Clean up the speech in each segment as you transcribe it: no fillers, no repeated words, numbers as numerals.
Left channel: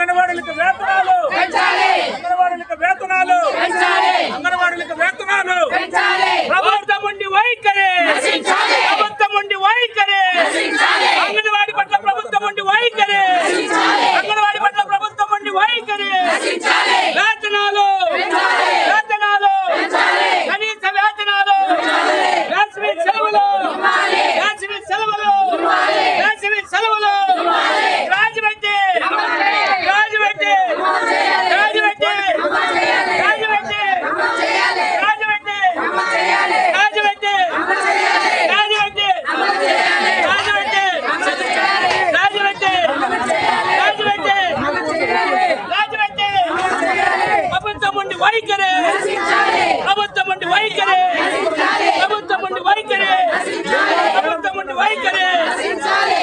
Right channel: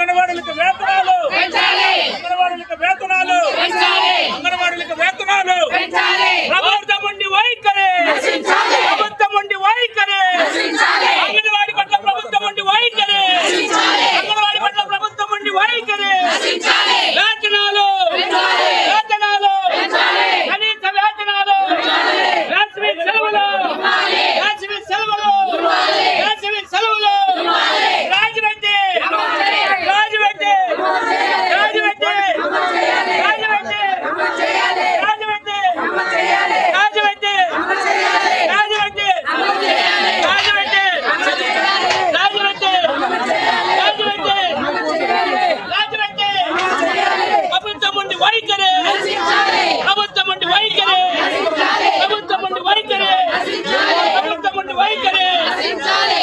అంగన్వాడీలకు వేతనాలు అంగన్వాడీలకు వేతనాలు అంగన్వాడీలకు వేతనాలు ప్రభుత్వం ఉండి వైఖరి ప్రభుత్వం ఉండి వైఖరి అంగన్వాడీ పట్ల ప్రభుత్వం ఉండి వైఖరి అంగన్వాడీ పట్ల ప్రభుత్వం ఉండి వైఖరి వేతనాలు వేతనాలు కనీస వేతనాలు వేసవి సెలవులు వేసవి సెలవులు వేసవి సెలవులు రాజమండ్రి రాజమండ్రి రాజమండ్రి రాజమండ్రి రాజమండ్రి రాజమండ్రి రాజమండ్రి రాజమండ్రి రాజమండ్రి రాజమండ్రి ప్రభుత్వం ఉండి వైఖరి ప్రభుత్వం ఉండి వైఖరి ప్రభుత్వం ఉండి వైఖరి ప్రభుత్వం ఉండి వైఖరి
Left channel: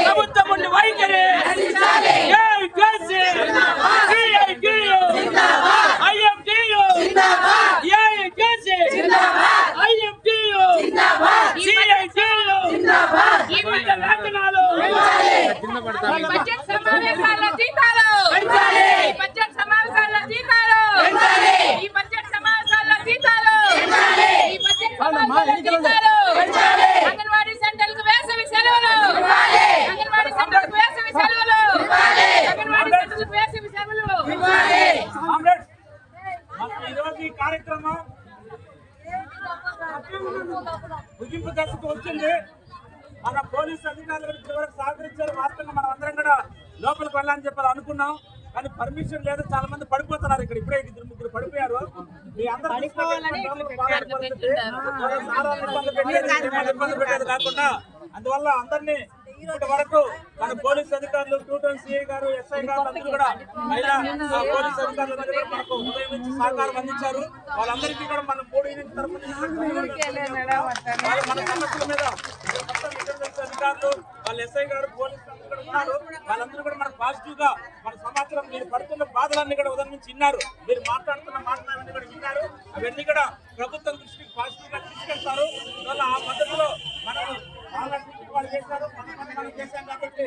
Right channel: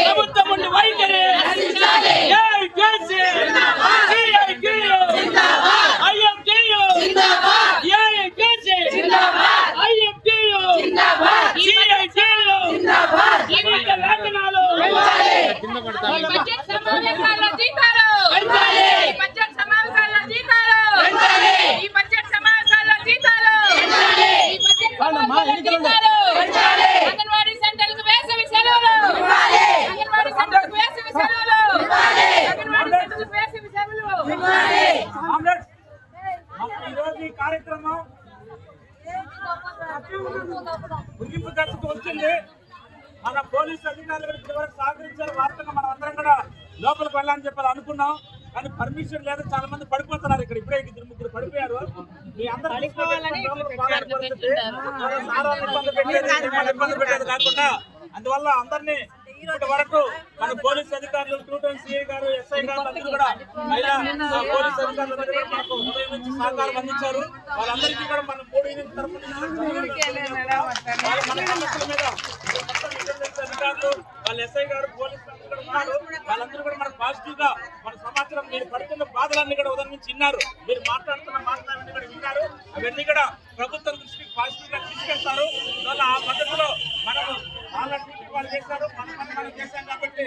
ప్రభుత్వం ఉండి వైఖరి అంగన్వాడీ సెంటర్లకు వేసవి సెలవులు అంగన్వాడీ సెంటర్లకు వేసవి సెలవులు అంగన్వాడీ సెంటర్లకు వేసవి సెలవులు ఈరోజు ఈ కార్యక్రమం ముగింపు దశకు వచ్చింది. మన పోలీసు అధికారులు చివరికి సహకరించారు. వాస్తవంగా మనం అందరం కూడా లోపలికి వెళ్ళాలని చెప్పి అనుకున్నాం, కానీ పర్మిషన్ లేదు. చాలా మంది పడిపోతున్నారు. ఇక్కడ ఇప్పుడే ఇద్దరు ముగ్గురు పడిపోయారు. మీ అందరూ ఇబ్బంది పెట్టేది కాకుండా అందువల్ల అందరినీ ఇప్పటి వరకు మన పోలీసు అధికారులు 2 టౌన్ సిఐ గారు, ఎస్ఐ గారు అందరూ కూడా మహిళా పోలీసు అధికారులు మనకు ఉదయం నుంచి సహకారం అందించారు. వాళ్ళందరికీ కూడా మనం 3 యూనిట్ తరఫున మన సమస్యల మీద మొత్తం ఇంటెలిజెన్స్ అధికారులు వాళ్ళ ఎస్ఐ గారు పోలీసులు అందరూ కూడా ఉన్నారు. వాళ్ళందరూ కూడా మనకు పాజిటివ్ గా మన సమాచారం మీరు పడుతున్న బాధలన్నీ కూడా ఉదయం నుంచి విన్నారు. మీరు మాట్లాడుతున్న మాటలన్నీ కూడా విన్నారు. అవన్నీ కూడా ప్రభుత్వం దృష్టికి పాజిటివ్ గా తీసుకెళ్తారు. అందువల్ల ఆ పద్ధతిలో మనం వాళ్ళు చేశారు, మనం చేశాం కాబట్టి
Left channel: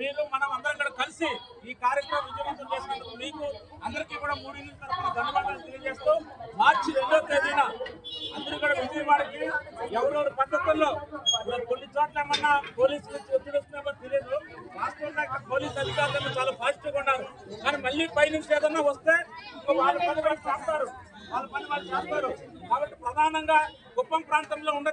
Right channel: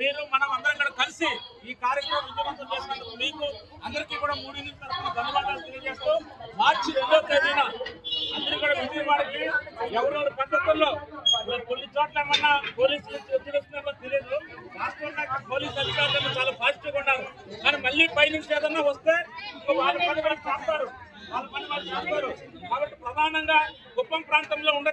మీరు మనం అందరం కూడా కలిసి ఈ కార్యక్రమం విజయవంతం చేసినందుకు మీకు అందరికీ కూడా 3 యూనిట్ తరఫున ధన్యవాదాలు తెలియజేస్తూ మార్చి 2వ తేదీన అందరూ కూడా విజయవాడకి ఎవరెవరి పద్ధతుల్లో కొన్ని చోట్ల ఏమన్నా పోలీసులు ఒత్తిడి వస్తున్నామో తెలియదు. రాష్ట్రంలో పోలీసు అధికారులు చాలా పాజిటివ్గా ఉన్నారు. కానీ మళ్ళీ పై నుంచి ఏదన్నా వస్తే వాళ్ళ పని వాళ్ళు చేస్తారు, వాళ్ళ పని వాళ్ళు చేస్తారు. కాబట్టి ప్రధానంగా కుప్పం ప్రాంతంలో ఉండే